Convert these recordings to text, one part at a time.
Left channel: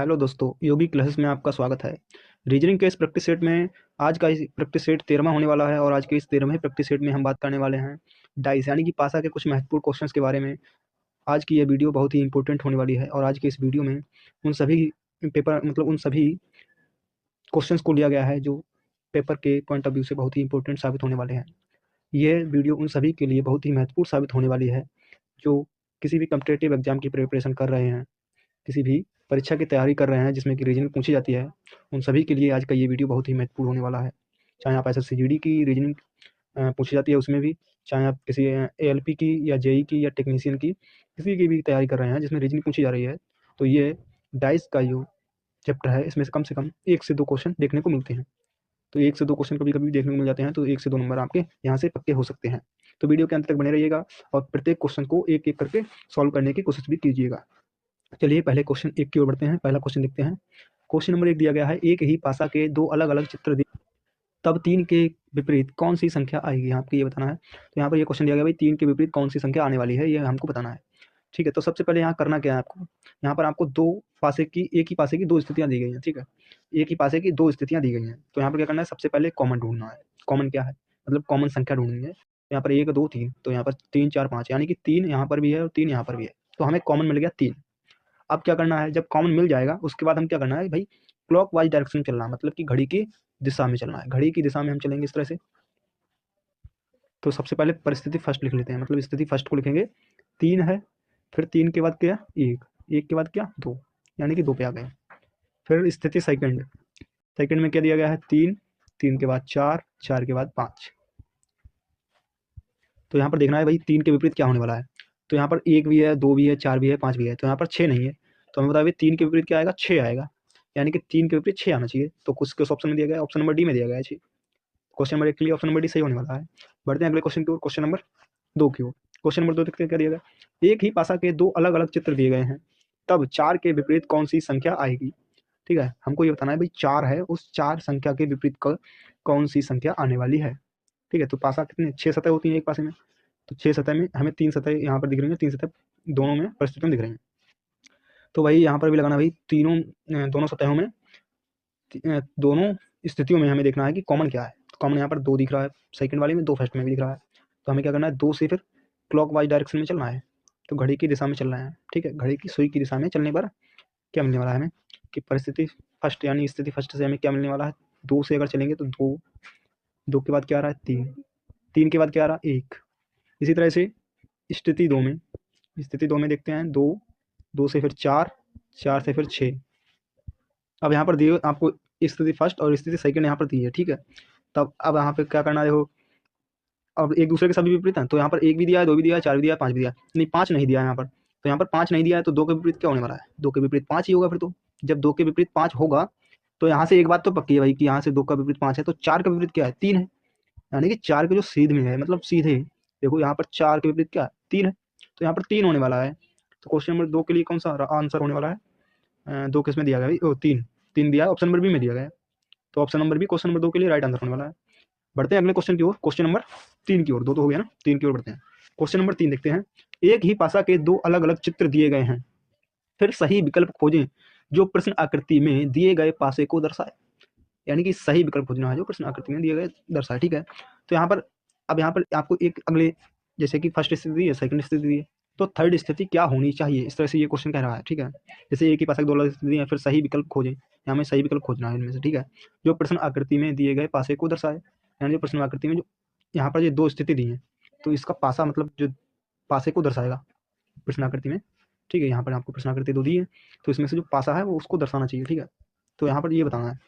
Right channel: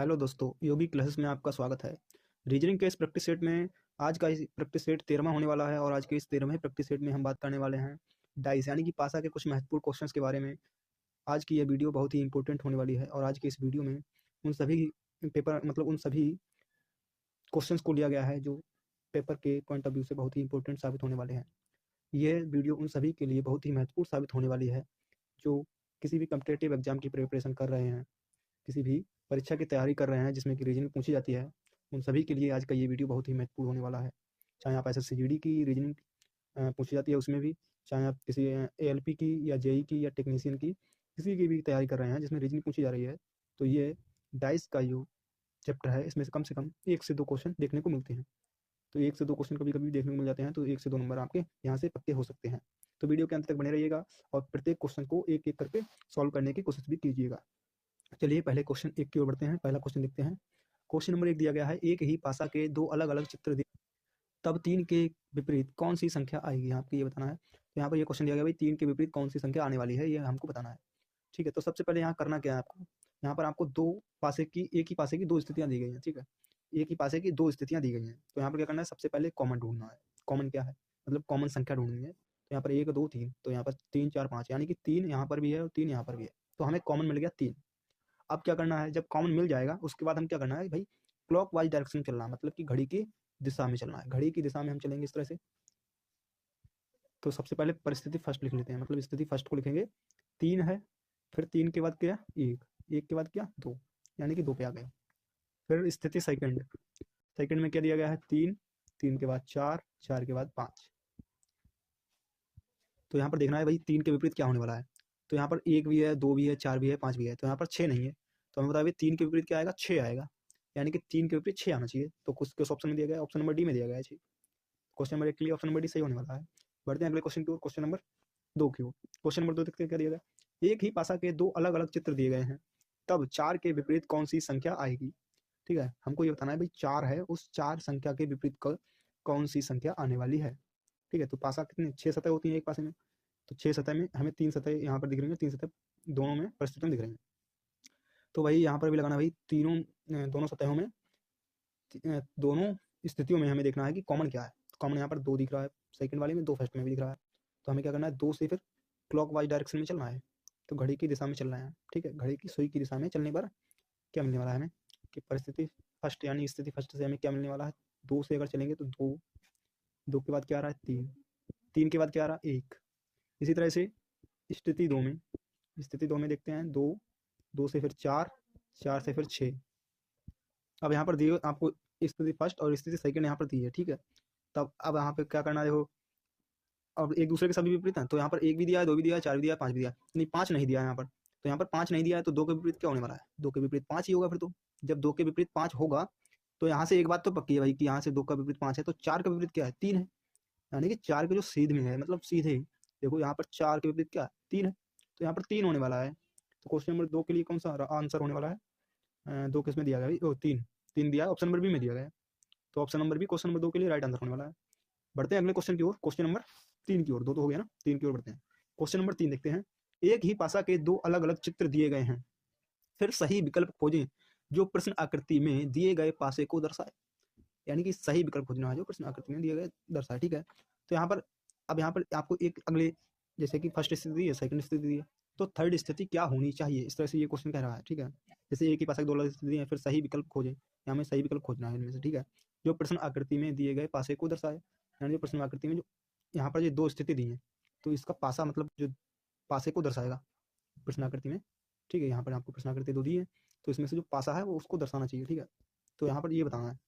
Hello दोस्तों, योगी classes में आपका स्वागत है। रीजनिंग के इस प्रैक्टिस सेट में आज का इस प्रैक्टिस सेट 13वां होने वाला है और आज के इस 13वें प्रैक्टिस सेट में हम बात करने वाले हैं डाइस यानी कि पासा के कुछ महत्वपूर्ण क्वेश्चंस के बारे में। आज की ये वीडियो बहुत ही इंपॉर्टेंट होने वाली है और आज के इस वीडियो में उन सभी उन सभी क्वेश्चंस को लिया गया है जो पेपर के पॉइंट ऑफ व्यू से बहुत ही इंपॉर्टेंट साबित होने वाले हैं। ये वीडियो उन सभी के लिए बहुत ही महत्वपूर्ण साबित होने वाली है जो किसी भी कॉम्पिटिटिव एग्जाम की प्रिपरेशन कर रहे हैं, किसी भी परीक्षा की तैयारी कर रहे हैं जिसमें कि रीजनिंग पूछी जाती है, उन सभी के लिए आज का ये वीडियो बहुत ही महत्वपूर्ण होने वाला है। चाहे आप एसएससी-जीडी की रीजनिंग पूछी जाती है उसमें भी, चाहे आप किसी एएलपी की या जेईई की या टेक्नीशियन की किसी की भी तैयारी कर रहे हैं जिसमें रीजनिंग पूछी जा रही है, तो ये डाइस का जो चैप्टर है इसमें से कम 1 से 2 क्वेश्चन देखने को मिलते हैं। तो 1 से 2 क्वेश्चन कभी-कभी देखने को मिल जाते हैं, तो 1 से 2 नंबर आपके यहाँ से पक्के हो सकते हैं। तो वीडियो के अंत तक बने रहिएगा और प्रत्येक क्वेश्चन को एक-एक करके सॉल्व करने की कोशिश भी कीजिएगा। चलिए पहले क्वेश्चन 1 की ओर बढ़ते हैं। पहला क्वेश्चन देखते हैं। क्वेश्चन नंबर 1 दिया गया है, एक ही पासा के 2 अलग-अलग चित्र दिए, तब 3 के विपरीत कौन-सी संख्या आएगी? आपको ये बताना है। तो यहाँ पर ये क्वेश्चन दिया गया है भाई 3 के विपरीत कौन-सी संख्या आने वाली है, ये हमको बताना है। ठीक है, तो सबसे पहले यहाँ करना क्या है आपको? यहाँ पर आपको 2 पासे की एक ही पासे की 2 स्थितियाँ दी गई हैं, ठीक है? एक ही पासे की 2 स्थितियाँ दी गई हैं। तो यहाँ पर क्या करना है, सबसे पहले कॉमन ढूँढना है। कॉमन क्या है? मतलब कॉमन संख्या ढूँढनी है। तो यहाँ पर 1, 2, 3, तो यहाँ पर 3, 4, 5 यानी कि 3 यहाँ पर भी है और 3 यहाँ पर भी है। तो हमें कॉमन मिल गया 3। अब क्या करना है, जब कॉमन मिल जाएगा उसके बाद हम क्या करना है भाई, क्लॉकवाइज डायरेक्शन में चलना है, मतलब कि घड़ी की दिशा में चलना है। घड़ी की दिशा में हम चलेंगे इस तरह से। तो सबसे पहले परिस्थिति फर्स्ट लिख लेते हैं, मतलब स्थिति फर्स्ट को लिखेंगे 3 है, फिर 3 के बाद क्या 1, 1 के बाद क्या 2, यानी कि 2 पे आ गए। फिर स्थिति सेकंड, सेकंड में क्या दिया गया है 3, 3 के बाद 4, 4 के बाद 5। तो यहाँ पर देखना है भाई 3 के विपरीत क्या होने वाला है। तो यहाँ पर 1 भी है, 2 भी है, 4 भी है, 5 भी है, तो यहाँ पर 6 नहीं है। तो हमें बताइए 3 के विपरीत क्या आएगा, 6 आएगा, यानी कि 3 के विपरीत 6 आना चाहिए। तो किस ऑप्शन में दिया गया है, ऑप्शन नंबर डी में दिया गया है। क्वेश्चन नंबर 1 के लिए ऑप्शन नंबर डी सही होने वाला है। बढ़ते हैं अगले क्वेश्चन की ओर, क्वेश्चन नंबर 2 की ओर। क्वेश्चन नंबर 2 देखते हैं क्या दिया गया। एक ही पासा के 2 अलग-अलग चित्र दिए गए हैं, तब 4 के विपरीत कौन-सी संख्या आएगी? ठीक है, हमको ये बताना है भाई 4 है, उस 4 संख्या के विपरीत कौन-सी संख्या आने वाली है। ठीक है, तो पासा कितने 6 सतह होती हैं एक पासे में, तो 6 सतह में हमें 3 सतह यहाँ पर दिख रही हैं, 3 सतह दोनों में परिस्थितियों में दिख रही हैं। तो वही यहाँ पर भी लगाना भाई दोनों सतहों में दोनों स्थितियों में हमें देखना है कि कॉमन क्या है। कॉमन यहाँ पर 2 दिख रहा है, सेकंड वाले में 2 फर्स्ट में भी दिख रहा है। तो हमें क्या करना है, 2 से फिर क्लॉकवाइज डायरेक्शन में चलना है, तो घड़ी की दिशा में चलना है। ठीक है, घड़ी की सुई की दिशा में चलने पर क्या मिलने वाला है हमें कि परिस्थिति फर्स्ट यानी स्थिति फर्स्ट से हमें क्या मिलने वाला है, 2 से अगर चलेंगे तो 2, 2 के बाद क्या आ रहा है 3, 3 के बाद क्या आ रहा है 1। इसी तरह से स्थिति 2 में, स्थिति 2 में देखते हैं 2, 2 से फिर 4, 4 से फिर 6। अब यहाँ पर दिए आपको स्थिति फर्स्ट और स्थिति सेकंड यहाँ पर दी है, ठीक है। तब अब यहाँ पे क्या करना है, देखो अब एक दूसरे के सभी विपरीत हैं, तो यहाँ पर 1 भी दिया है, 2 भी दिया है, 4 भी दिया है, 5 भी दिया है, नहीं 5 नहीं दिया है यहाँ पर। तो यहाँ पर 5 नहीं दिया है, तो 2 के विपरीत क्या होने वाला है, 2 के विपरीत 5 ही होगा फिर तो। जब 2 के विपरीत 5 होगा तो यहाँ से एक बात तो पक्की है भाई कि यहाँ से 2 का विपरीत 5 है, तो 4 का विपरीत क्या है 3 है, यानी कि 4 के जो सीध में है, मतलब सीधे देखो यहाँ पर 4 के विपरीत क्या है 3 है, तो यहाँ पर 3 होने वाला है। तो क्वेश्चन नंबर 2 के लिए कौन सा आंसर होने वाला है, 2 किस में दिया गया भाई, 3, 3 दिया है, ऑप्शन नंबर बी में दिया गया है। तो option number B question number 2 के लिए राइट आंसर होने वाला है। बढ़ते हैं अगले क्वेश्चन की ओर, क्वेश्चन नंबर 3 की ओर। 2 तो हो गया ना, 3 की ओर बढ़ते हैं। क्वेश्चन नंबर 3 देखते हैं। एक ही पासा के 2 अलग-अलग चित्र दिए गए हैं, फिर सही विकल्प खोजें जो प्रश्न आकृति में दिए गए पासे को दर्शाए। यानी कि सही विकल्प खोजना है जो प्रश्न आकृति में दिए गए दर्शाए, ठीक है। तो यहाँ पर अब यहाँ पर आपको एक अगले, जैसे कि फर्स्ट स्थिति दी है, सेकंड स्थिति दी है, तो थर्ड स्थिति क्या होनी चाहिए, इस तरह से ये क्वेश्चन कह रहा है, ठीक है। जैसे एक ही पासे के 2 अलग स्थिति है, फिर सही विकल्प खोजें, यहाँ हमें सही विकल्प खोजना है इनमें से, ठीक है, जो प्रश्न आकृति में दिए गए पासे को दर्शाए। यानी जो प्रश्न आकृति में जो यहाँ पर ये 2 स्थिति दी है, तो इसका पासा मतलब जो पासे को दर्शाएगा प्रश्न आकृति में, ठीक है। यहाँ पर आपको प्रश्न आकृति 2 दी है, तो इसमें से जो पासा है वो उसको दर्शाना चाहिए, ठीक है। तो यहाँ पर ये बताना है।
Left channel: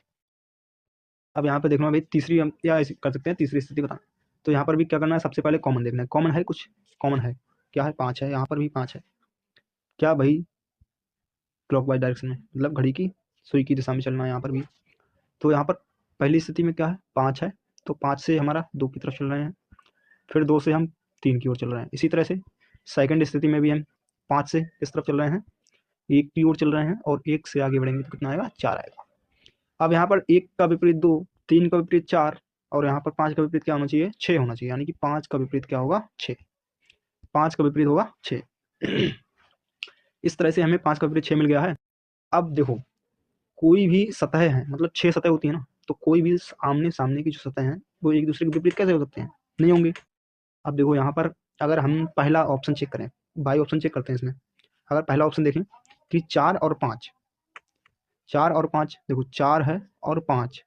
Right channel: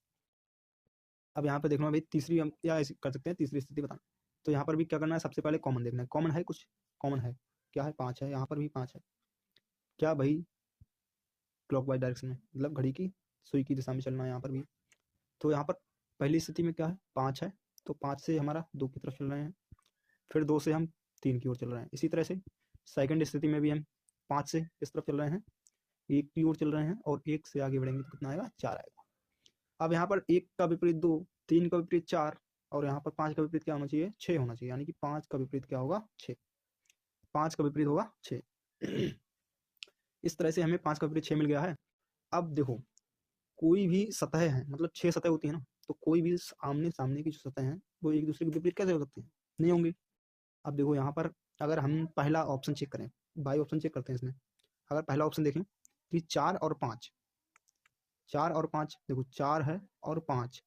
अब यहाँ पे देखना भाई तीसरी, हम क्या ऐसे कर सकते हैं, तीसरी स्थिति बताना। तो यहाँ पर भी क्या करना है, सबसे पहले कॉमन देखना है, कॉमन है कुछ, कॉमन है क्या है 5 है, यहाँ पर भी 5 है, क्या भाई क्लॉकवाइज डायरेक्शन में, मतलब घड़ी की सुई की दिशा में चलना है यहाँ पर भी। तो यहाँ पर पहली स्थिति में क्या है 5 है, तो 5 से हमारा 2 की तरफ चल रहे हैं, फिर 2 से हम 3 की ओर चल रहे हैं। इसी तरह से सेकंड स्थिति में भी हम 5 से इस तरफ चल रहे हैं, 1 की ओर चल रहे हैं, और 1 से आगे बढ़ेंगे तो कितना आएगा 4 आएगा। अब यहाँ पर 1 का विपरीत 2, 3 का विपरीत 4, और यहाँ पर 5 का विपरीत क्या होना चाहिए 6 होना चाहिए, यानी कि 5 का विपरीत क्या होगा 6, 5 का विपरीत होगा 6। इस तरह से हमें 5 का विपरीत 6 मिल गया है। अब देखो कोई भी सतह है, मतलब 6 सतह होती है ना, तो कोई भी आमने-सामने की जो सतह हैं, वो एक दूसरे के विपरीत कैसे हो सकते हैं? नहीं होंगे। अब देखो यहाँ पर अगर हम पहला ऑप्शन चेक करें, बाई ऑप्शन चेक करते हैं इसमें। अगर पहला ऑप्शन देखें कि 4 और 5, 4 और 5 देखो 4 है और 5,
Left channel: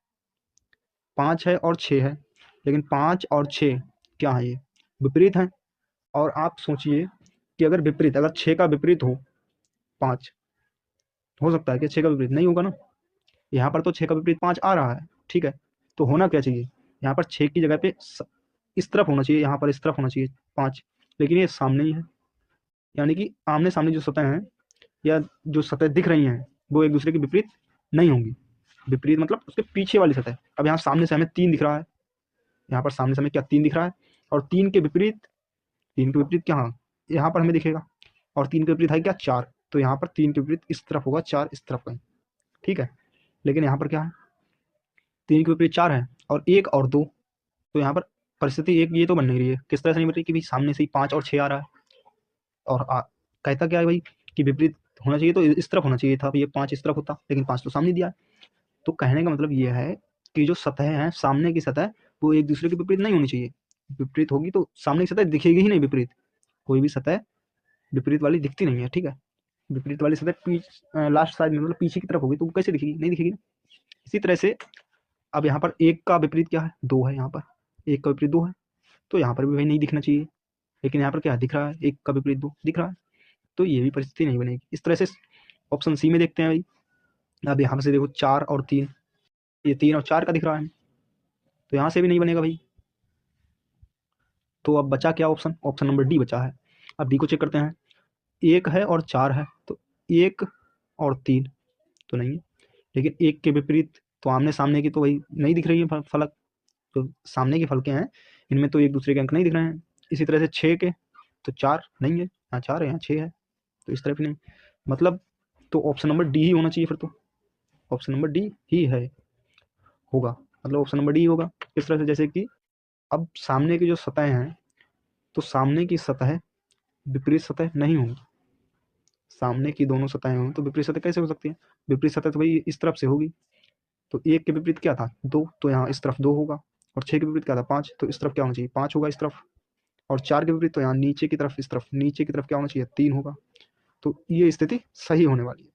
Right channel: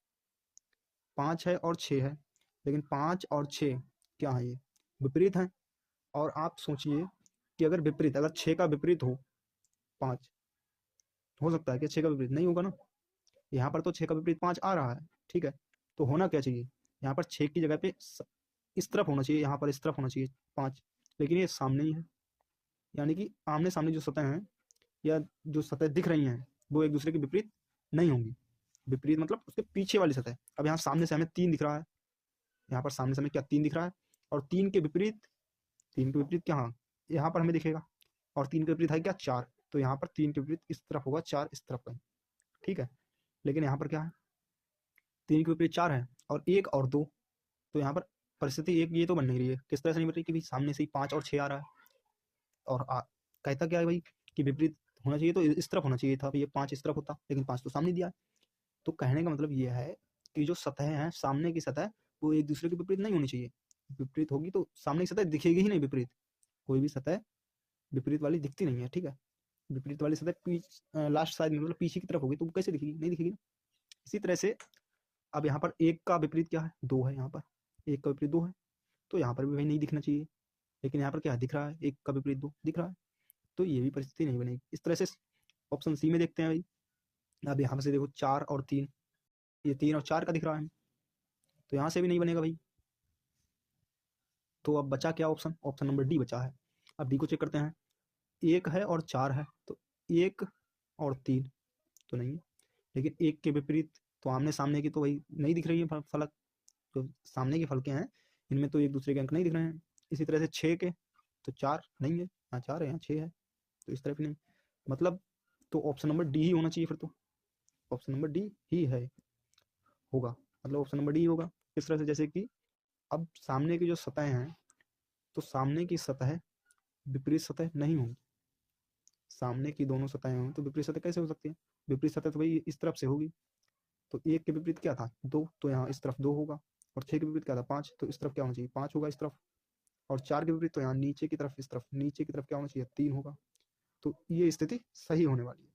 5 है और 6 है, लेकिन 5 और 6 क्या है ये? विपरीत हैं। और आप सोचिए कि अगर विपरीत, अगर 6 का विपरीत हो 5, हो सकता है कि 6 का विपरीत नहीं होगा ना? यहाँ पर तो 6 का विपरीत 5 आ रहा है, ठीक है? तो होना क्या चाहिए? यहाँ पर 6 की जगह पे इस तरफ होना चाहिए, यहाँ पर इस तरफ होना चाहिए 5, लेकिन ये सामने ही है। यानी कि आमने-सामने जो सतह हैं या जो सतह दिख रही हैं, वो एक दूसरे के विपरीत नहीं होंगी। विपरीत मतलब उसके पीछे वाली सतह। अब यहाँ सामने से हमें 3 दिख रहा है, यहाँ पर सामने से हमें क्या 3 दिख रहा है, और 3 के विपरीत, 3 के विपरीत क्या, हाँ, यहाँ पर हमें दिखेगा, और 3 के विपरीत है क्या 4, तो यहाँ पर 3 के विपरीत इस तरफ होगा, 4 इस तरफ कहीं, ठीक है? लेकिन यहाँ पर क्या है, 3 के विपरीत 4 है और 1 और 2, तो यहाँ पर परिस्थिति एक ये तो बन नहीं रही है। किस तरह से नहीं बन रही कि भाई सामने से ही 5 और 6 आ रहा है, और कहता क्या है भाई कि विपरीत होना चाहिए, तो इस तरफ होना चाहिए था, ये 5 इस तरफ होता, लेकिन 5 तो सामने दिया है। तो कहने का मतलब ये है कि जो सतह है, सामने की सतह, वो एक दूसरे के विपरीत नहीं होनी चाहिए। विपरीत होगी तो सामने की सतह दिखेगी ही नहीं विपरीत। कोई भी सतह विपरीत वाली दिखती नहीं है, ठीक है? विपरीत वाली सतह लास्ट साइड में, मतलब पीछे की तरफ होगी, तो वो कैसे दिखेगी? नहीं दिखेगी ना। इसी तरह से अब यहाँ पर 1 का विपरीत क्या है? 2 है यहाँ पर। 1 का विपरीत 2 है, तो यहाँ पर भी भाई नहीं दिखना चाहिए। लेकिन यहाँ पर क्या दिख रहा है? 1 का विपरीत 2 दिख रहा है। तो ये भी परिस्थिति नहीं बनेगी। इस तरह से ऑप्शन सी में देखते हैं भाई। अब यहाँ से देखो 4 और 3, ये 3 और 4 का दिख रहा है, तो यहाँ से भी नहीं बनेगा भाई। तो अब बचा क्या ऑप्शन? ऑप्शन नंबर डी बचा है। अब डी को चेक करते हैं। 1 है और 4 है, तो 1 और 3 तो नहीं है, लेकिन 1 के विपरीत तो आमने-सामने की तो वही नहीं दिख रही है फलक, तो सामने की फलकें हैं, इनमें तो एक दूसरे के अंक नहीं दिख रहे हैं। इसी तरह से 6 के, तो 4 नहीं है, यहाँ 4 है, यहाँ 6 है, तो इस तरह भी नहीं। मतलब तो ऑप्शन नंबर डी ही होना चाहिए फिर तो। ऑप्शन नंबर डी ही है, होगा, मतलब ऑप्शन नंबर डी होगा। इस तरह से जैसे कि अब सामने की जो सतह हैं, तो सामने की सतह विपरीत सतह नहीं होंगी। सामने की दोनों सतहें हों तो विपरीत सतह कैसे हो सकती है? विपरीत सतह तो भाई इस तरफ से होगी, तो 1 के विपरीत क्या था? 2, तो यहाँ इस तरफ 2 होगा, और 6 के विपरीत क्या था? 5, तो इस तरफ क्या होना चाहिए? 5 होगा इस तरफ, और 4 के विपरीत तो यहाँ नीचे की तरफ, इस तरफ नीचे की तरफ क्या होना चाहिए? 3 होगा। तो ये स्थिति सही होने वाली है,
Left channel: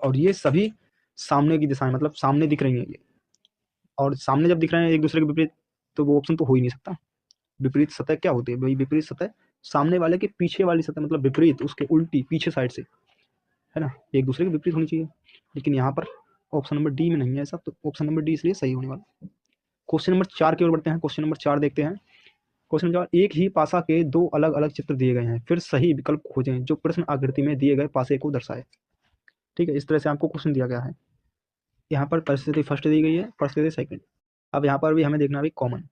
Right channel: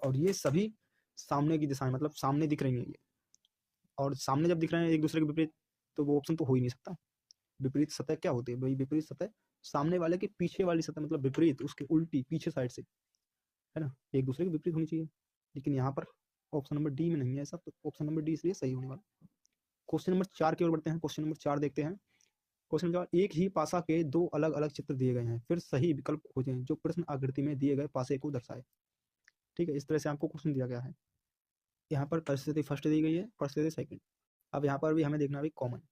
और ये सभी सामने की दिशाएं, मतलब सामने दिख रही हैं ये, और सामने जब दिख रहे हैं एक दूसरे के विपरीत, तो वो ऑप्शन तो हो ही नहीं सकता। विपरीत सतह क्या होती है भाई? विपरीत सतह सामने वाले के पीछे वाली सतह, मतलब विपरीत, उसके उल्टी पीछे साइड से, है ना? एक दूसरे के विपरीत होनी चाहिए, लेकिन यहाँ पर ऑप्शन नंबर डी में नहीं है ऐसा, तो ऑप्शन नंबर डी इसलिए सही होने वाला। क्वेश्चन नंबर 4 की ओर बढ़ते हैं। क्वेश्चन नंबर 4 देखते हैं। क्वेश्चन नंबर 4, एक ही पासा के 2 अलग-अलग चित्र दिए गए हैं, फिर सही विकल्प खोजें जो प्रश्न आकृति में दिए गए पासे को दर्शाए। ठीक है, इस तरह से आपको क्वेश्चन दिया गया है। यहाँ पर परिस्थिति फर्स्ट दी गई है, परिस्थिति सेकंड। अब यहाँ पर भी हमें देखना है कॉमन।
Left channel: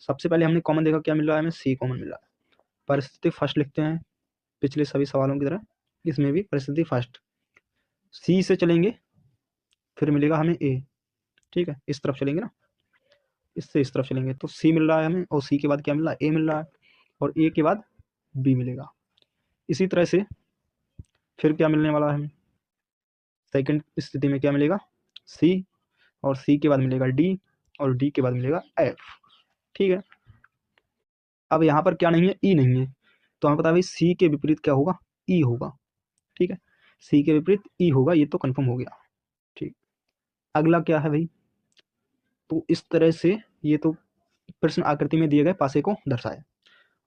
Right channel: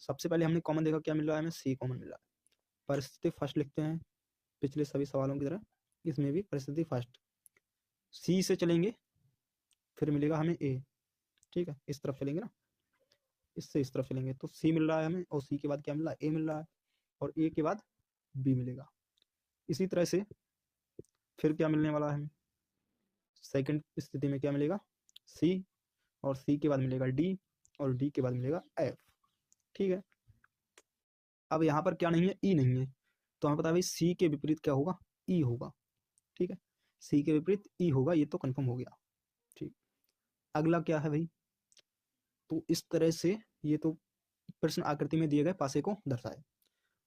सबसे पहले हमने कॉमन देखा, क्या मिल रहा है हमें? सी कॉमन मिल रहा है। परिस्थिति फर्स्ट लिखते हैं, पिछले सभी सवालों की तरह इसमें भी परिस्थिति फर्स्ट। सी से चलेंगे, फिर मिलेगा हमें ए, ठीक है, इस तरफ चलेंगे ना, इससे इस तरफ चलेंगे, तो सी मिल रहा है हमें, और सी के बाद क्या मिल रहा है? ए मिल रहा है, और ए के बाद बी मिलेगा। इसी तरह से फिर क्या मिलने वाला है हमें? सेकंड स्थिति में क्या मिलेगा? सी, और सी के बाद मिलेगा डी, और डी के बाद मिलेगा एफ, ठीक है। अब यहाँ पर क्या नहीं है? ई नहीं है, तो हमें पता है भाई सी के विपरीत क्या होगा? ई होगा, ठीक है। सी के विपरीत ई होगा, ये तो कंफर्म हो गया, ठीक। अगला क्या है भाई? तो इस तरह से ये तो प्रश्न आकृति में दिए गए पासे को दर्शाए।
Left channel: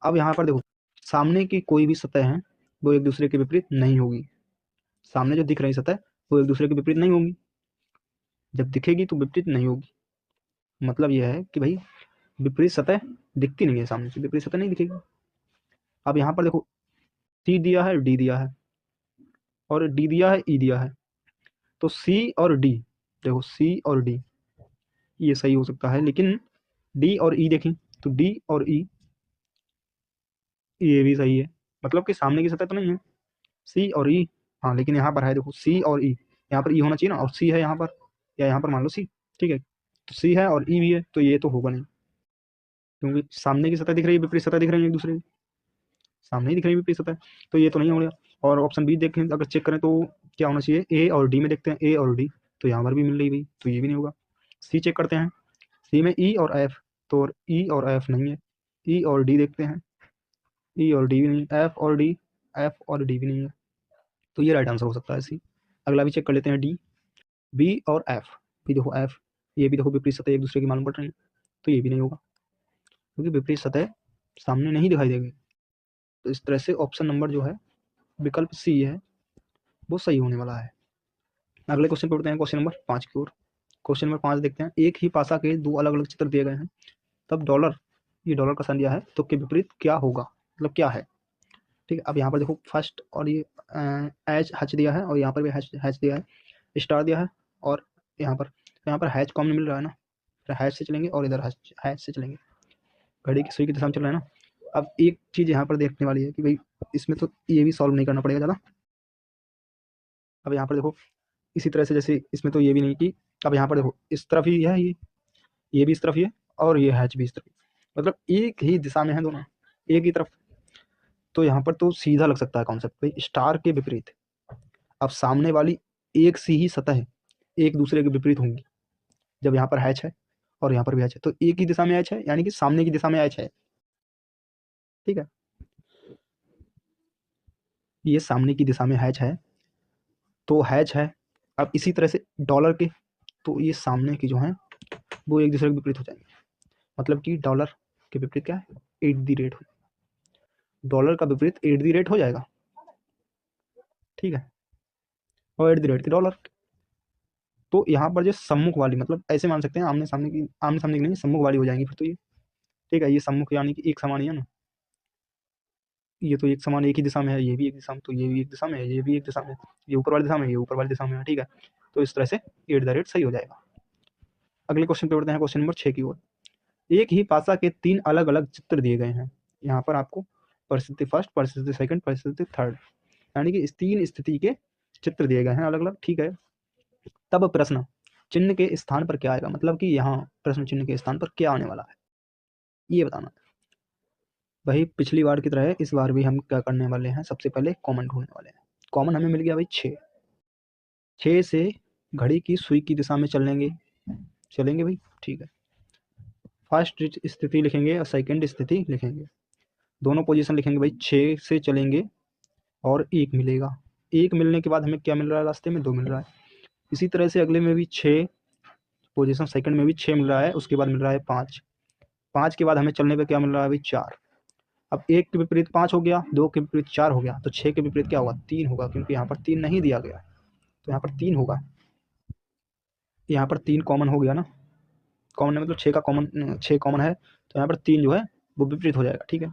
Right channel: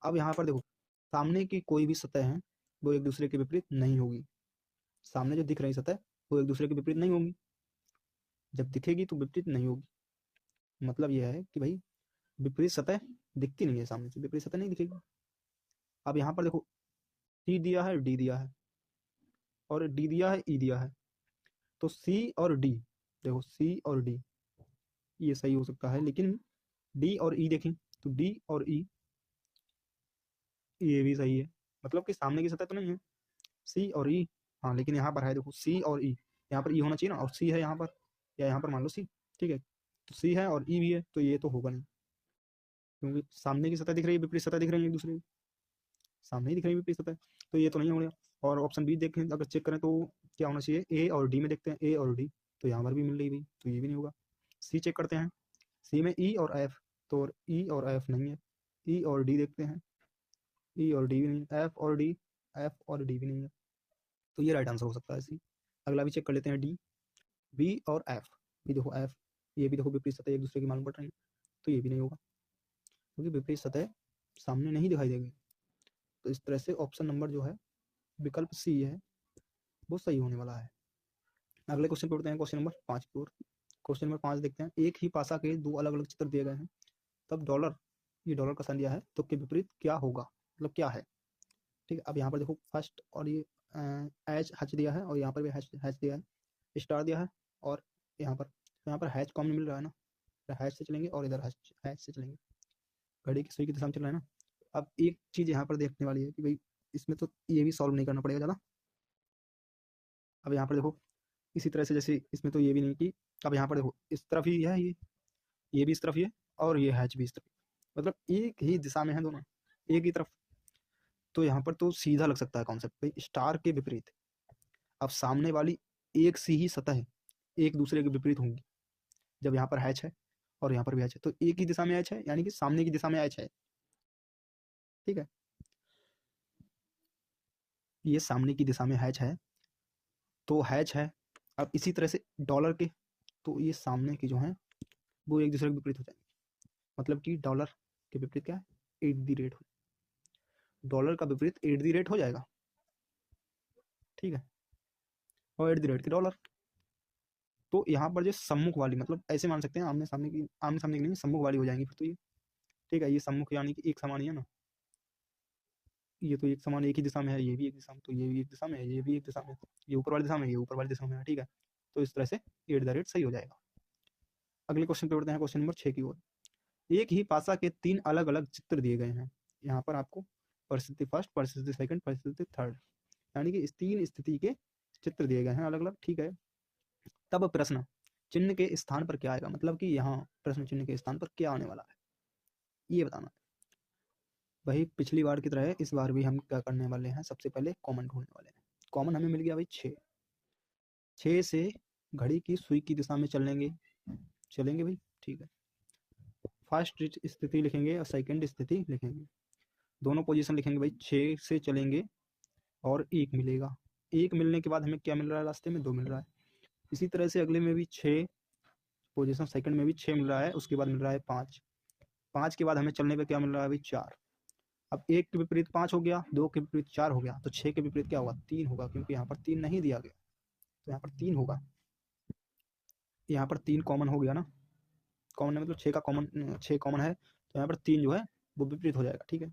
अब यहाँ पर देखो, सामने की कोई भी सतह है वो एक दूसरे के विपरीत नहीं होगी। सामने जो दिख रही सतह वो एक दूसरे के विपरीत नहीं होगी, जब दिखेगी तो विपरीत नहीं होगी। मतलब यह है कि भाई विपरीत सतह दिखती नहीं है, सामने से विपरीत सतह नहीं दिखेगी। अब यहाँ पर देखो, सी दिया है, डी दिया है, और डी दिया है, ई दिया है, तो सी और डी, देखो सी और डी ये सही हो सकता है, लेकिन डी और ई देखें तो डी और ई ये भी सही है, मतलब कि सामने की सतह तो नहीं है सी और ई, हाँ, लेकिन यहाँ पर है देखो सी और ई, यहाँ पर ई होना चाहिए ना, और सी है यहाँ पर, या यहाँ पर मान लो सी, ठीक है, तो सी है और ई भी है, तो ये तो होगा नहीं, क्योंकि सामने की सतह दिख रही है, विपरीत सतह दिख रही है एक दूसरे की, सामने ही दिख रही है विपरीत सतह, तो ये तो नहीं हो गया। और ऑप्शन बी देखें, अगर चेक करें तो क्या होना चाहिए? ए और डी में देखते हैं, ए और डी, तो यहाँ पर भी मिल रही भाई, तो ये भी नहीं होगा। सी चेक करते हैं, सी में ई और एफ, तो ई और एफ नहीं है। ई और डी देखते हैं, ई और डी भी नहीं, एफ और डी, एफ और डी भी नहीं है, तो ये राइट आंसर हो सकता है सी। अगला भी चेक कर लेते हैं, डी, बी और एफ। भी देखो एफ, ये भी देखो विपरीत सतह एक दूसरे की मालूम पड़ रही है, तो ये भी नहीं होगा क्योंकि विपरीत सतह सामने नहीं दिखाई देगी। तो इस तरह से ऑप्शन नंबर जो है विकल्प सी है वो सही होने वाला है। अगले क्वेश्चन पे उठते हैं, क्वेश्चन नंबर 5 की ओर। क्वेश्चन नंबर 5 देखते हैं, एक ही पासा के दो अलग अलग चित्र दिए गए हैं, तब डॉलर, ये डॉलर का साइन दिया है, तो के विपरीत क्या होगा, मतलब क्या है। ठीक है, अब यहाँ पर देखो फर्स्ट और ये एच हैच दिया है, और यहाँ पर भी हैच हैच दिया है, स्टार दिया है, और यहाँ पर हैच कॉमन मिल रहा है ना, फिर हैच से चलेंगे और इधर हैच हैच से चलेंगे, घड़ी की सुई की दिशा में चल रहा है ना। अब एक चीज़ यहाँ पर देखने वाली है कि भाई इसमें तो ये भी सॉल्व नहीं करना पड़ेगा ज़्यादा। अब यहाँ पर देखो इसी तरह से जैसे इसमें तो ये भी नहीं कि, अब यहाँ पर देखो इस तरफ ही है ये भी इस तरफ ही है, और ये हैच भी इस तरफ, मतलब एक ही दिशा में है दोनों, एक ही तरफ। तो यहाँ पर तो सीधा लग सकता है कॉन्सेप्ट भाई, स्टार के विपरीत। अब सामने वाली एक सी ही सतह एक दूसरे के विपरीत होंगी, जब यहाँ पर हैच है और यहाँ पर भी हैच है, तो एक ही दिशा में हैच है, यानी कि सामने की दिशा में हैच है। ठीक है, ये सामने की दिशा में हैच है, तो हैच है। अब इसी तरह से डॉलर के, तो ये सामने की जो है वो एक दूसरे के विपरीत हो जाएंगे, मतलब कि डॉलर के विपरीत क्या है, एट दी रेट हो, डॉलर का विपरीत एट दी रेट हो जाएगा। ठीक है, और एट दी रेट की डॉलर, तो यहाँ पर जो सम्मुख वाली, मतलब ऐसे मान सकते हैं आमने सामने की नहीं, सम्मुख वाली हो जाएंगी फिर तो ये। ठीक है, ये सम्मुख यानी कि एक समान ही है ना, ये तो एक समान एक ही दिशा में है, ये भी एक दिशा में, तो ये भी एक दिशा में है, ये भी एक दिशा में, ये ऊपर वाली दिशा में, ये ऊपर वाली दिशा में है। ठीक है, तो इस तरह से एट द रेट सही हो जाएगा। अगले क्वेश्चन पे बढ़ते हैं, क्वेश्चन नंबर 6 की ओर। एक ही पासा के तीन अलग अलग चित्र दिए गए हैं, यहाँ पर आपको परिस्थिति फर्स्ट, परिस्थिति सेकंड, परिस्थिति थर्ड, यानी कि इस तीन स्थिति के चित्र दिए गए हैं अलग अलग। ठीक है, तब प्रश्न चिन्ह के स्थान पर क्या आएगा, मतलब कि यहाँ प्रश्न चिन्ह के स्थान पर क्या आने वाला है, ये बताना। वही पिछली बार की तरह इस बार भी हम क्या करने वाले हैं, सबसे पहले कॉमन ढूंढने वाले हैं। कॉमन हमें मिल गया भाई 6, 6 से घड़ी की सुई की दिशा में चलेंगे भाई। ठीक है, फर्स्ट स्थिति लिखेंगे और सेकंड स्थिति लिखेंगे, दोनों पोजीशन लिखेंगे भाई। 6 से चलेंगे और एक मिलेगा, एक मिलने के बाद हमें क्या मिल रहा है, रास्ते में 2 मिल रहा है। इसी तरह से अगले में भी 6 पोजीशन, सेकंड में भी 6 मिल रहा है, उसके बाद मिल रहा है 5, 5 के बाद हमें चलने पे क्या मिल रहा है भाई 4। अब एक के विपरीत 5 हो गया, 2 के विपरीत 4 हो गया, तो 6 के विपरीत क्या होगा, 3 होगा, क्योंकि यहाँ पर 3 नहीं दिया गया, तो यहाँ पर 3 होगा। यहाँ पर 3 कॉमन हो गया ना, कॉमन है मतलब 6 का कॉमन, 6 कॉमन है, तो यहाँ पर 3 जो है वो विपरीत हो जाएगा। ठीक है,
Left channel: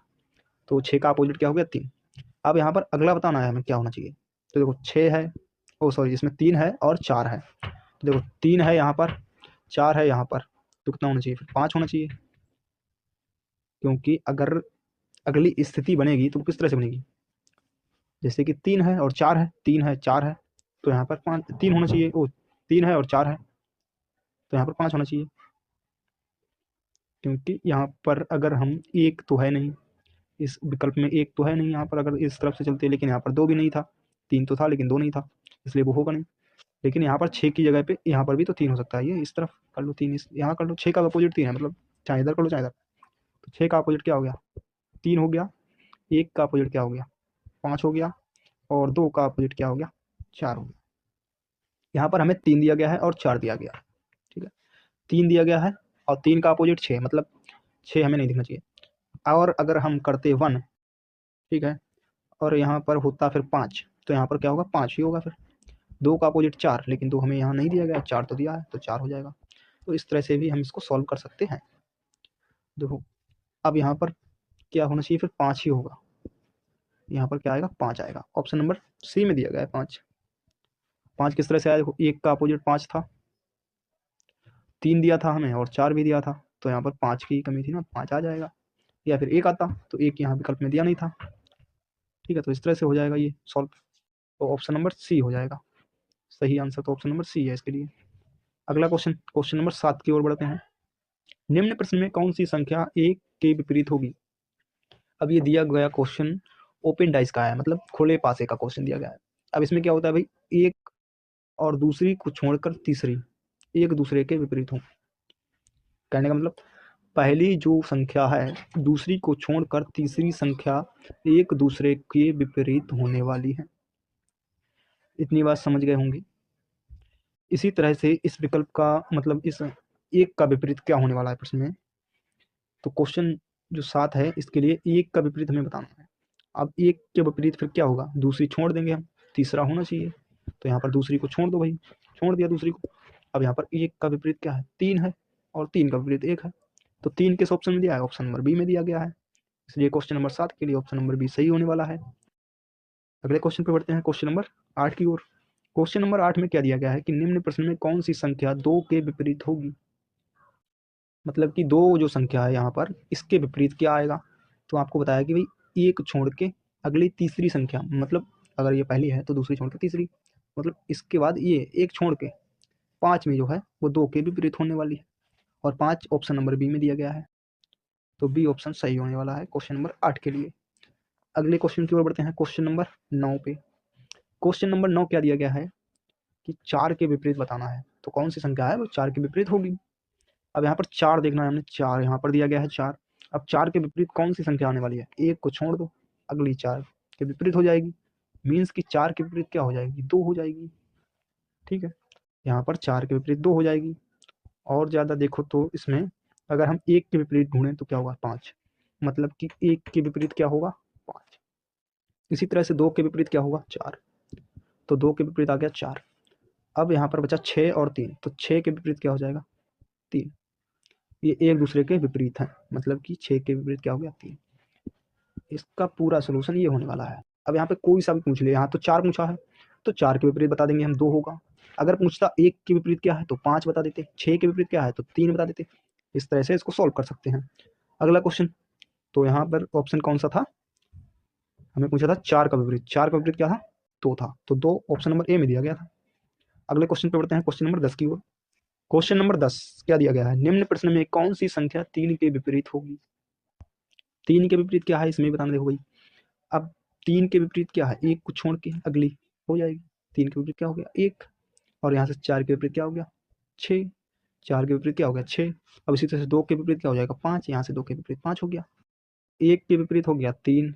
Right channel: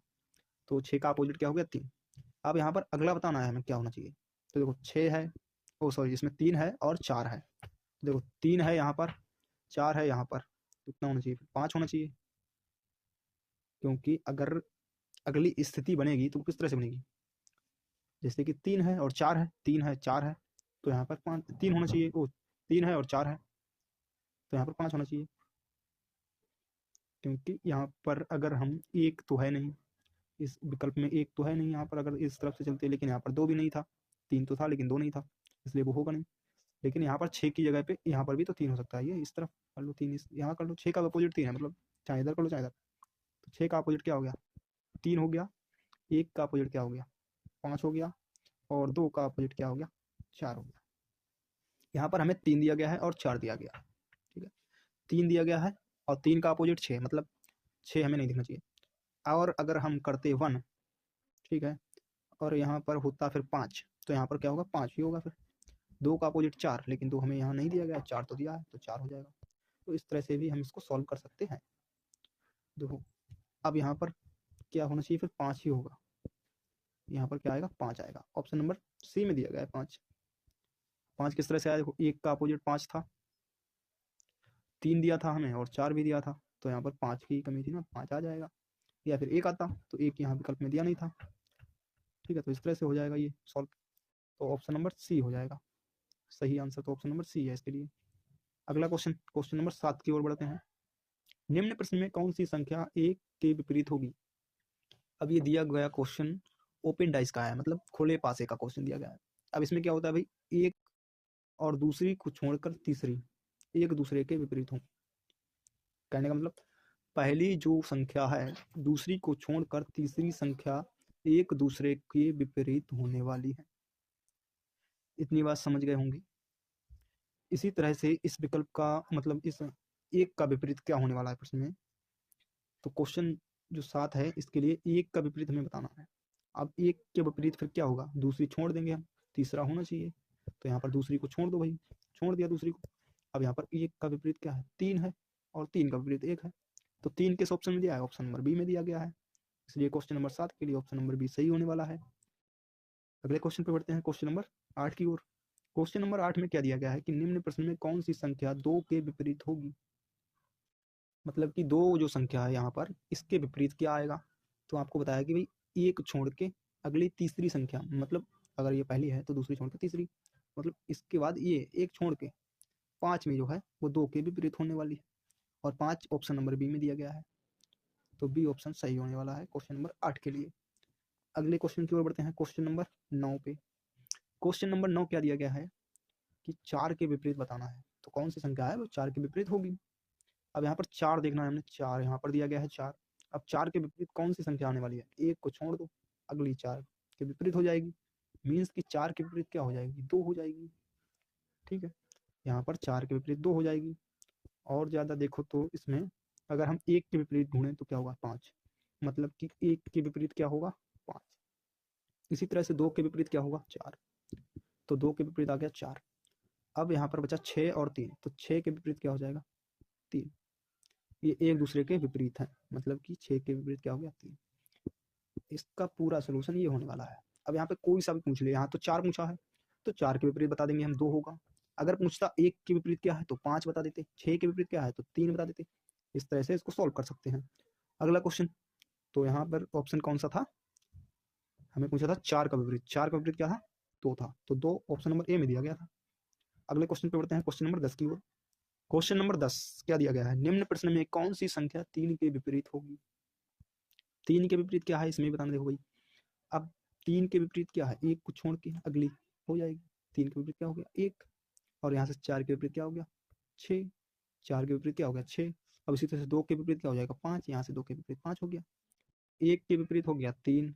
तो 6 का अपोजिट क्या हो गया, 3। अब यहाँ पर अगला बताना है हमें क्या होना चाहिए, तो देखो 6 है, ओ सॉरी इसमें 3 है और 4 है, तो देखो 3 है यहाँ पर, 4 है यहाँ पर, तो कितना होना चाहिए, फिर 5 होना चाहिए, क्योंकि अगर अगली स्थिति बनेगी तो किस तरह से बनेगी, जैसे कि 3 है और 4 है, 3 है 4 है, तो यहाँ पर 5 3 होना चाहिए, ओ 3 है और 4 है, तो यहाँ पर 5 होना चाहिए, क्योंकि यहाँ पर अगर हम, एक तो है नहीं इस विकल्प में, एक तो है नहीं यहाँ पर, अगर इस तरफ से चलते, लेकिन यहाँ पर 2 भी नहीं था, 3 तो था लेकिन 2 नहीं था, इसलिए वो होगा नहीं। लेकिन यहाँ पर 6 की जगह पे यहाँ पर भी तो 3 हो सकता है, ये इस तरफ कर लो 3, इस यहाँ कर लो, 6 का अपोजिट 3 है, मतलब चाहे इधर कर लो चाहे इधर, तो 6 का अपोजिट क्या हो गया, 3 हो गया, 1 का अपोजिट क्या हो गया, 5 हो गया, और 2 का अपोजिट क्या हो गया, 4 हो गया। यहाँ पर हमें 3 दिया गया है और 4 दिया गया। ठीक है, 3 दिया गया है और 3 का अपोजिट 6, मतलब 6 हमें नहीं दिखना चाहिए। और अगर हम करते 1, ठीक है, और यहाँ पर होता फिर 5, तो यहाँ पर क्या होगा, 5 ही होगा फिर। 2 का अपोजिट 4, लेकिन 2 हमें यहाँ नहीं दिया गया, 4 तो दिया है, तो 4 हो जाएगा। तो इस तरह से भी हम इसको सॉल्व कर सकते हैं। देखो अब यहाँ पर क्या होना चाहिए, फिर 5 ही होगा, यहाँ पर क्या आएगा, 5 आएगा। ऑप्शन नंबर सी में दिया गया है 5। 5 किस तरह से आया, देखो 1 का अपोजिट 5 था, 3 दिया था हमें और 4 भी दिया था, तो यहाँ पर 5 की कमी थी ना, 5 आ जाएगा। या फिर 1 आता, तो 1 यहाँ विकल्प में दिया नहीं था। ठीक है, तो इस तरह से हो जाएगा ये सॉल्व, तो ऑप्शन नंबर सी हो जाएगा सही आंसर, तो ऑप्शन नंबर सी है इसके लिए। अगला क्वेश्चन, क्वेश्चन नंबर 7 की ओर बढ़ते हैं। निम्न प्रश्न में कौन सी संख्या एक के विपरीत होगी। अब ये दिया गया क्वेश्चन ओपन डाइस का है, मतलब खुले पासे का क्वेश्चन दिया गया है। अब इसमें क्या होता है भाई, एक और दूसरी को छोड़कर तीसरी एक दूसरे के विपरीत हों। कहने का मतलब पहली जो संख्या है दूसरी को छोड़कर तीसरी संख्या एक दूसरे के विपरीत होने वाली है। इतनी बात समझ गए होंगे। इसी तरह से इस विकल्प का मतलब इस एक का विपरीत क्या होने वाला है प्रश्न में। तो क्वेश्चन जो 7 है इसके लिए एक का विपरीत हमें बताना है। अब एक के विपरीत फिर क्या होगा, दूसरी छोड़ देंगे हम, तीसरा होना चाहिए। तो यहाँ पर दूसरी को छोड़ दो भाई, छोड़ दिया दूसरी को। अब यहाँ पर एक का विपरीत क्या है, 3 है, और 3 का विपरीत 1 है। तो 3 किस ऑप्शन में दिया है, ऑप्शन नंबर बी में दिया गया है। इसलिए क्वेश्चन नंबर 7 के लिए ऑप्शन नंबर बी सही होने वाला है। अगले क्वेश्चन पे बढ़ते हैं, क्वेश्चन नंबर 8 की ओर। क्वेश्चन नंबर 8 में क्या दिया गया है कि निम्न प्रश्न में कौन सी संख्या 2 के विपरीत होगी। मतलब कि दो जो संख्या है यहाँ पर इसके विपरीत क्या आएगा। तो आपको बताया कि भाई एक छोड़ के अगली तीसरी संख्या, मतलब अगर ये पहली है तो दूसरी छोड़ के तीसरी, मतलब इसके बाद ये एक छोड़ के 5 में जो है वो 2 के विपरीत होने वाली है। और 5 ऑप्शन नंबर बी में दिया गया है। तो बी ऑप्शन सही होने वाला है क्वेश्चन नंबर 8 के लिए। अगले क्वेश्चन की ओर बढ़ते हैं, क्वेश्चन नंबर 9 पे। क्वेश्चन नंबर 9 क्या दिया गया है कि 4 के विपरीत बताना है। तो कौन सी संख्या है वो 4 के विपरीत होगी। अब यहाँ पर 4 देखना है हमने, 4 यहाँ पर दिया गया है 4। अब 4 के विपरीत कौन सी संख्या आने वाली है, एक को छोड़ दो, अगली 4 के विपरीत हो जाएगी। मीन्स कि 4 के विपरीत क्या हो जाएगी, 2 हो जाएगी। ठीक है, यहाँ पर 4 के विपरीत 2 हो जाएगी। और ज़्यादा देखो तो इसमें अगर हम एक के विपरीत ढूंढें तो क्या होगा, 5। मतलब कि एक के विपरीत क्या होगा, 5। इसी तरह से 2 के विपरीत क्या होगा, 4। तो 2 के विपरीत आ गया 4। अब यहाँ पर बचा 6 और 3, तो 6 के विपरीत क्या हो जाएगा, 3। ये एक दूसरे के विपरीत हैं, मतलब कि 6 के विपरीत क्या हो गया, 3। इसका पूरा सोल्यूशन ये होने वाला है। अब यहाँ पे कोई सा भी पूछ ले, यहाँ तो 4 पूछा है तो 4 के विपरीत बता देंगे हम, 2 होगा। अगर पूछता 1 के विपरीत क्या है तो 5 बता देते, 6 के विपरीत क्या है तो 3 बता देते। इस तरह से इसको सॉल्व कर सकते हैं। अगला क्वेश्चन, तो यहाँ पर ऑप्शन कौन सा था, हमें पूछा था 4 का विपरीत। 4 का विपरीत क्या था, 2 था। तो 2 ऑप्शन नंबर ए में दिया गया था। अगले क्वेश्चन पे बढ़ते हैं, क्वेश्चन नंबर 10 की ओर। क्वेश्चन नंबर 10 क्या दिया गया है, निम्न प्रश्न में कौन सी संख्या 3 के विपरीत होगी। 3 के विपरीत क्या है इसमें बताना, देखो भाई। अब 3 के विपरीत क्या है, एक को छोड़ के अगली हो जाएगी। 3 के विपरीत क्या हो गया, 1। और यहाँ से 4 के विपरीत क्या हो गया, 6। 4 के विपरीत क्या हो गया, 6। अब इसी तरह से 2 के विपरीत क्या हो जाएगा, 5। यहाँ से 2 के विपरीत 5 हो गया। 1 के विपरीत हो गया 3,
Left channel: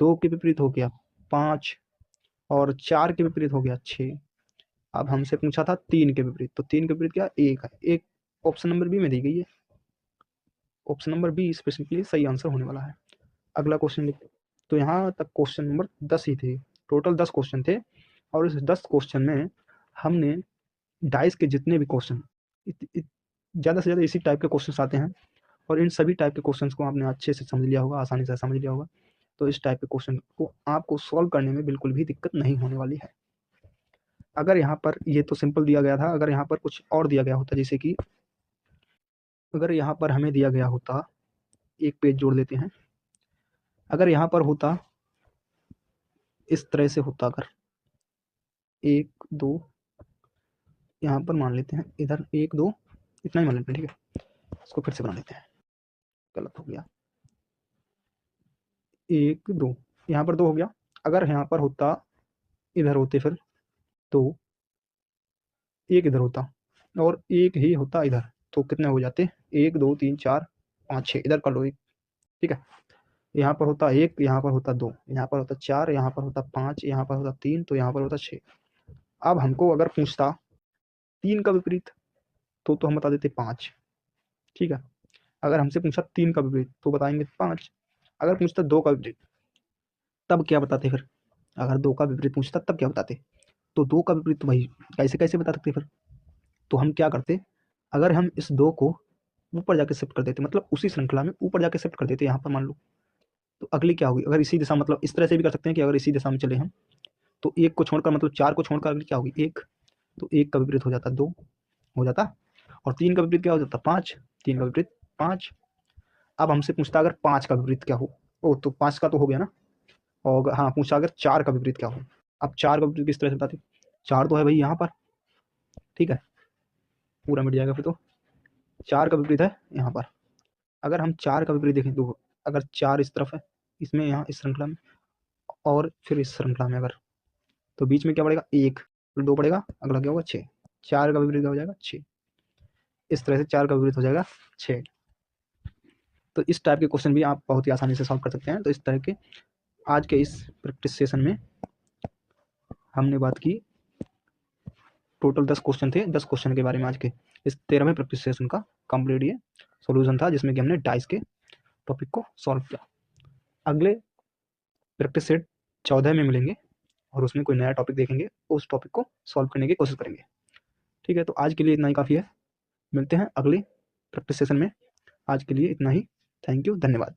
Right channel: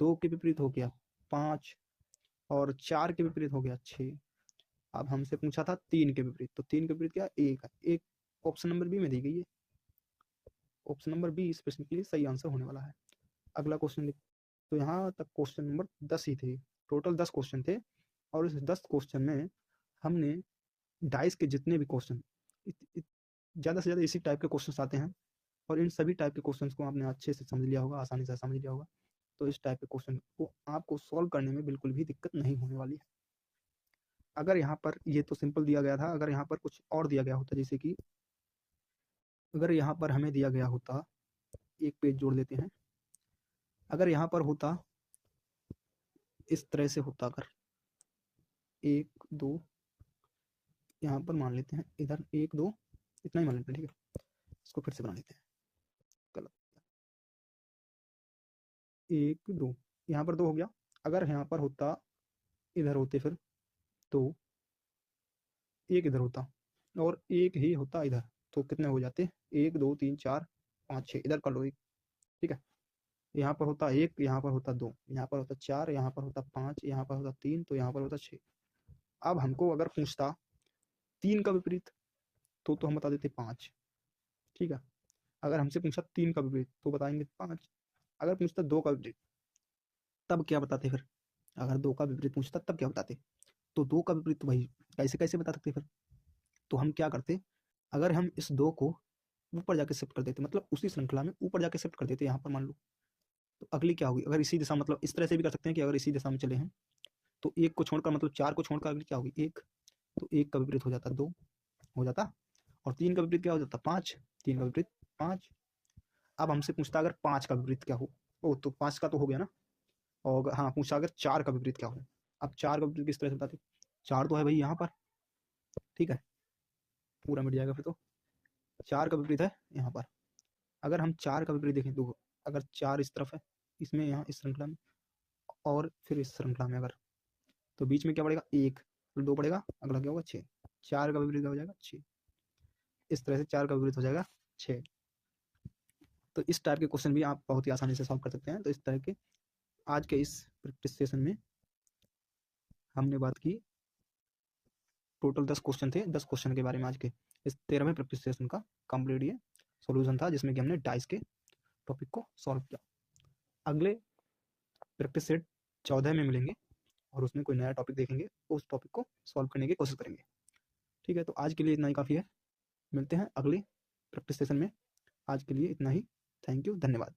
2 के विपरीत हो गया 5, और 4 के विपरीत हो गया 6। अब हमसे पूछा था 3 के विपरीत, तो 3 के विपरीत क्या, 1 है। एक ऑप्शन नंबर बी में दी गई है। ऑप्शन नंबर बी इस प्रश्न के लिए सही आंसर होने वाला है। अगला क्वेश्चन लिखते, तो यहाँ तक क्वेश्चन नंबर 10 ही थे। टोटल 10 क्वेश्चन थे, और इस 10 क्वेश्चन में हमने डाइस के जितने भी क्वेश्चन, ज़्यादा से ज़्यादा इसी टाइप के क्वेश्चन आते हैं, और इन सभी टाइप के क्वेश्चन को आपने अच्छे से समझ लिया होगा, आसानी से समझ लिया होगा। तो इस टाइप के क्वेश्चन को आपको सॉल्व करने में बिल्कुल भी दिक्कत नहीं होने वाली है। अगर यहाँ पर ये तो सिंपल दिया गया था, अगर यहाँ पर कुछ और दिया गया होता, जैसे कि अगर यहाँ पर हमें दिया गया होता, एक पेज जोड़ लेते हैं, अगर यहाँ पर होता इस तरह से होता, अगर 1 2, यहाँ पर मान लेते हैं इधर 1 2, इतना ही मान लेते हैं, ठीक है। इसको फिर से बना लेते हैं, गलत हो गया, 1 2, यहाँ पर 2 हो गया। अगर यहाँ पर होता, इधर होते फिर तो एक इधर होता और एक ही होता इधर, तो कितने हो जाते, 1 2 3 4 5 6, इधर कर लो एक, ठीक है। यहाँ पर होता 1, यहाँ पर होता 2, यहाँ पर होता 4, यहाँ पर होता 5, यहाँ पर होता 3, तो यहाँ पर होता 6। अब हमको अगर पूछता 3 का विपरीत, तो हम बता देते 5, ठीक है। अगर हमसे पूछा 3 का विपरीत तो बताएंगे 5। अगर पूछता 2 का विपरीत तब क्या बताते फिर, अगर 2 का विपरीत पूछता तब क्या बताते। तो 2 का विपरीत तो भाई कैसे कैसे बता सकते फिर। तो हम क्या करते, अगर हम इस 2 को ऊपर जाके शिफ्ट कर देते, मतलब उसी श्रृंखला में ऊपर जाके शिफ्ट कर देते, यहाँ पर मान लो, तो अगली क्या होगी, अगर इसी दिशा, मतलब इस तरह से भी कर सकते हैं कि अगर इसी दिशा में चले हम, तो 1 को छोड़कर, मतलब 4 को छोड़कर अगली क्या होगी, 1। तो 1 का विपरीत हो जाता 2 हो जाता, और 3 का विपरीत क्या हो जाता, 5। 3 का विपरीत 5। अब हमसे पूछता अगर 5 का विपरीत क्या हो, ओ तो 5 का तो हो गया ना। और हाँ, पूछा अगर 4 का विपरीत क्या हो। अब 4 का विपरीत किस तरह से बताते, 4 तो है भाई यहाँ पर, ठीक है, पूरा मिट जाएगा फिर तो। 4 का विपरीत है यहाँ पर। अगर हम 4 का विपरीत देखें तो अगर 4 इस तरफ है, इसमें यहाँ इस श्रृंखला में, और फिर इस श्रृंखला में अगर, तो बीच में क्या पड़ेगा, 1। फिर 2 पड़ेगा, अगला क्या होगा 6, 4 का विपरीत क्या हो जाएगा 6। इस तरह से 4 का विपरीत हो जाएगा 6। तो इस टाइप के क्वेश्चन भी आप बहुत ही आसानी से सॉल्व कर सकते हैं। तो इस तरह के आज के इस प्रैक्टिस सेशन में हमने बात की, टोटल 10 क्वेश्चन थे, 10 क्वेश्चन के बारे में आज के इस 13वें प्रैक्टिस सेशन का कंप्लीट ये सॉल्यूशन था, जिसमें कि हमने डाइस के टॉपिक को सॉल्व किया। अगले प्रैक्टिस सेट 14 में मिलेंगे और उसमें कोई नया टॉपिक देखेंगे, उस टॉपिक को सॉल्व करने की कोशिश करेंगे। ठीक है, तो आज के लिए इतना ही काफ़ी है। मिलते हैं अगले प्रैक्टिस सेशन में। आज के लिए इतना ही। थैंक यू, धन्यवाद।